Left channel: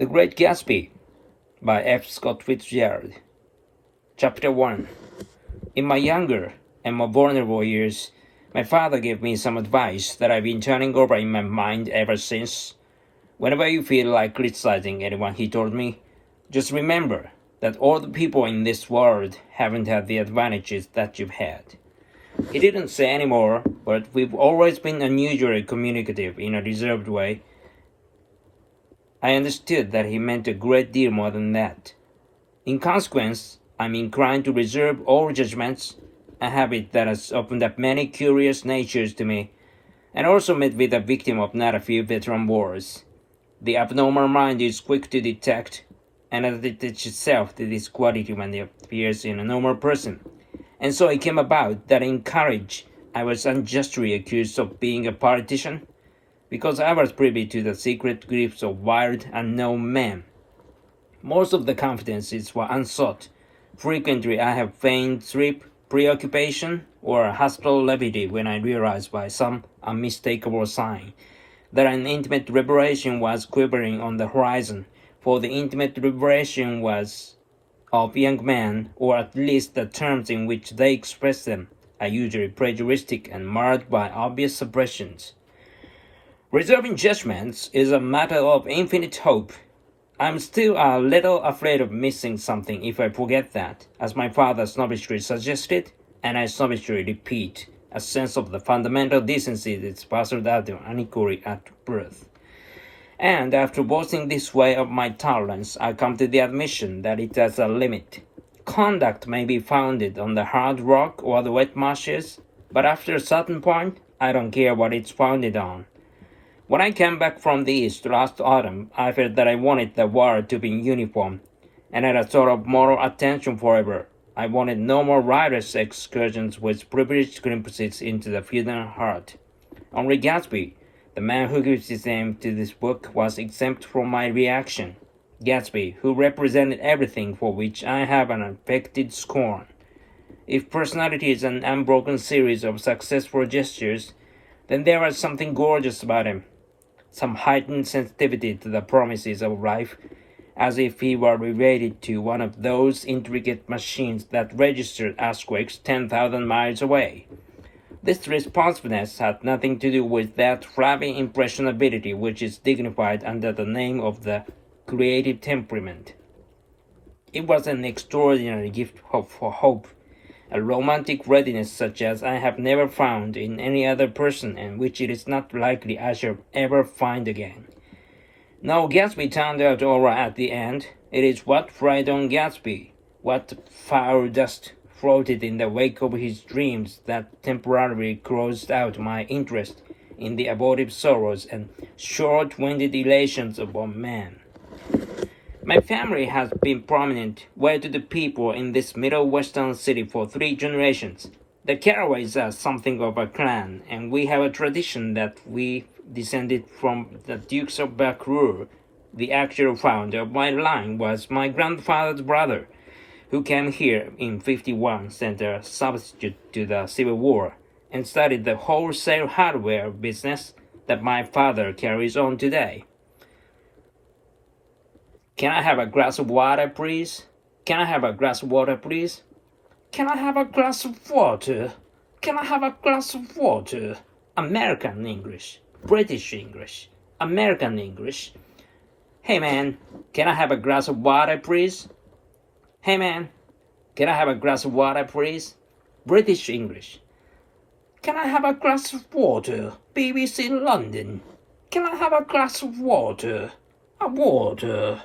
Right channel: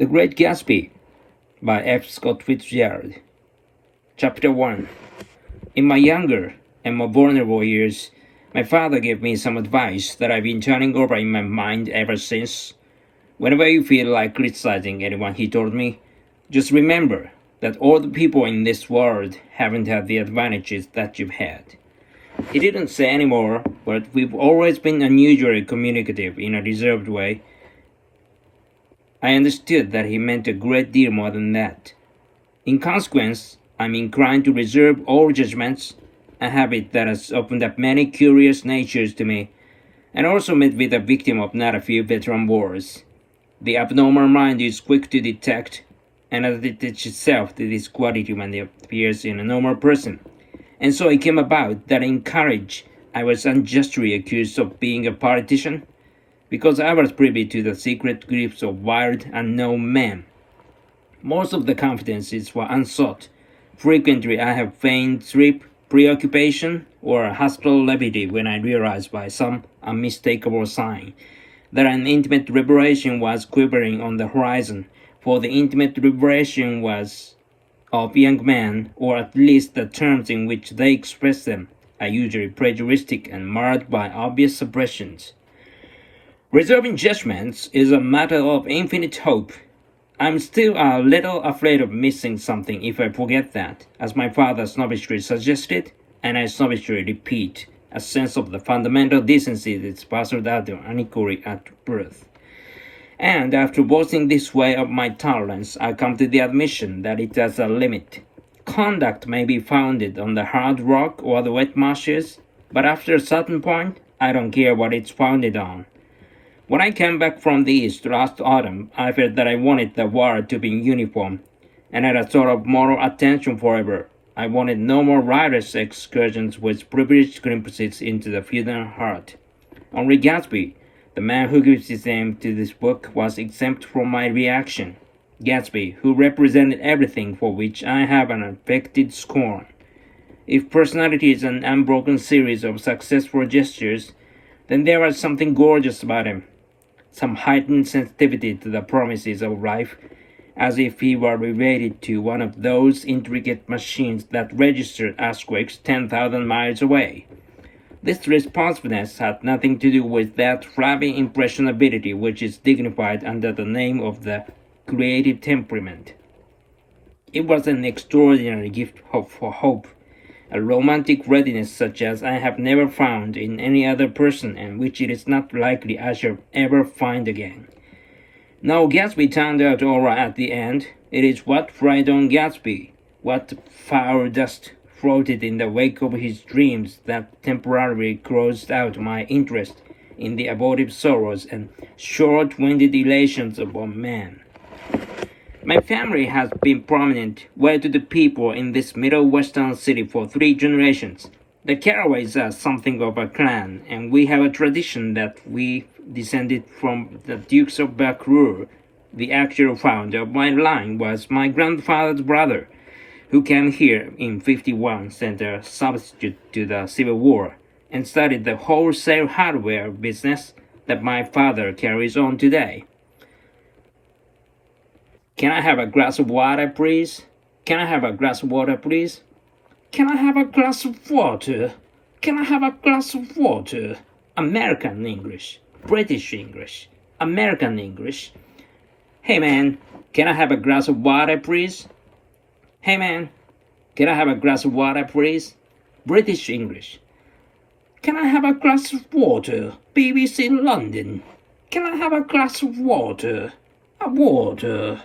The Great Gatsby by F. Scott Fitzgerald. Chapter 1. In my younger and more vulnerable years, my father gave me some advice that I've been turning over in my mind ever since. Whenever you feel like criticizing anyone, he told me, just remember that all the people in this world haven't had the advantages that you've had. He didn't say any more, but we've always been unusually communicative in a reserved way. I understood that he meant a great deal more than that. In consequence, I'm inclined to reserve all judgments, a habit that has opened up many curious natures to me, and also made me the victim of not a few veteran wars. The abnormal mind is quick to detect and attach itself to this quality when it appears in a normal person. And so it came about that in college I was unjustly accused of being a politician, because I was privy to the secret griefs of wild, unknown men. Most of the confidences were unsought. Frequently I have feigned sleep, preoccupation, or hostile levity when I realized by some unmistakable sign that an intimate revelation was quivering on the horizon, for the intimate revelation was of young men, or at least the terms in which they express them, are usually prejudiced and marred by obvious suppressions. Reserving judgments is a matter of infinite hope. I'm still a little afraid of missing something if I forget that, as my father snobbishly suggested, and I snobbishly repeat, a sense of the fundamental decency that's passed out unequally at birth. And after boasting this way of my tolerance, I come to the admission that it has a limit. Conduct may be founded on the hard rock or the wet marshes, but after a certain point, I don't care what it's founded on. When I came back from the East last autumn, I felt that I wanted the world to be uniform, and had a sort of moral attention forever. I wanted no more riotous excursions with privileged glimpses into the feudal heart. Only Gatsby, the man who gives his name to this book, was exempt from my reaction. Gatsby, who represented everything for which I have an affected scorn. If personality is an unbroken series of successful gestures, then there was something gorgeous about him. Some heightened sensitivity to the promises of life, as if he were related to one of those intricate machines that registered earthquakes 10,000 miles away. This responsiveness had nothing to do with that flabby impressionability which is dignified under the name of the creative temperament. It was an extraordinary gift for hope, a romantic readiness such as I have never found in any other person, and which it is not likely I shall ever find again. Now Gatsby turned out all right at the end. It is what fried on Gatsby, what foul dust floated in the wake of his dreams, that temporarily closed out my interest in the abortive sorrows and short-winded elations of a man. My family has been prominent, well-to-do people in this middle western city for 3 generations. The Carraways are something of a clan, and we have a tradition that we descended from the Dukes of Buccleuch. The actual founder of my line was my grandfather's brother, who came here in '51, sent a substitute to the Civil War, and started the wholesale hardware business that my father carries on today. Can I have a glass of water, please? Can I have a glass of water, please? Can I have a glass of water? Can I have a glass of water? American English, British English, American English. Hey man, can I have a glass of water, please? Hey man, can I have a glass of water, please? British English. Can I have a glass of water? BBC London. Can I have a glass of water? A water.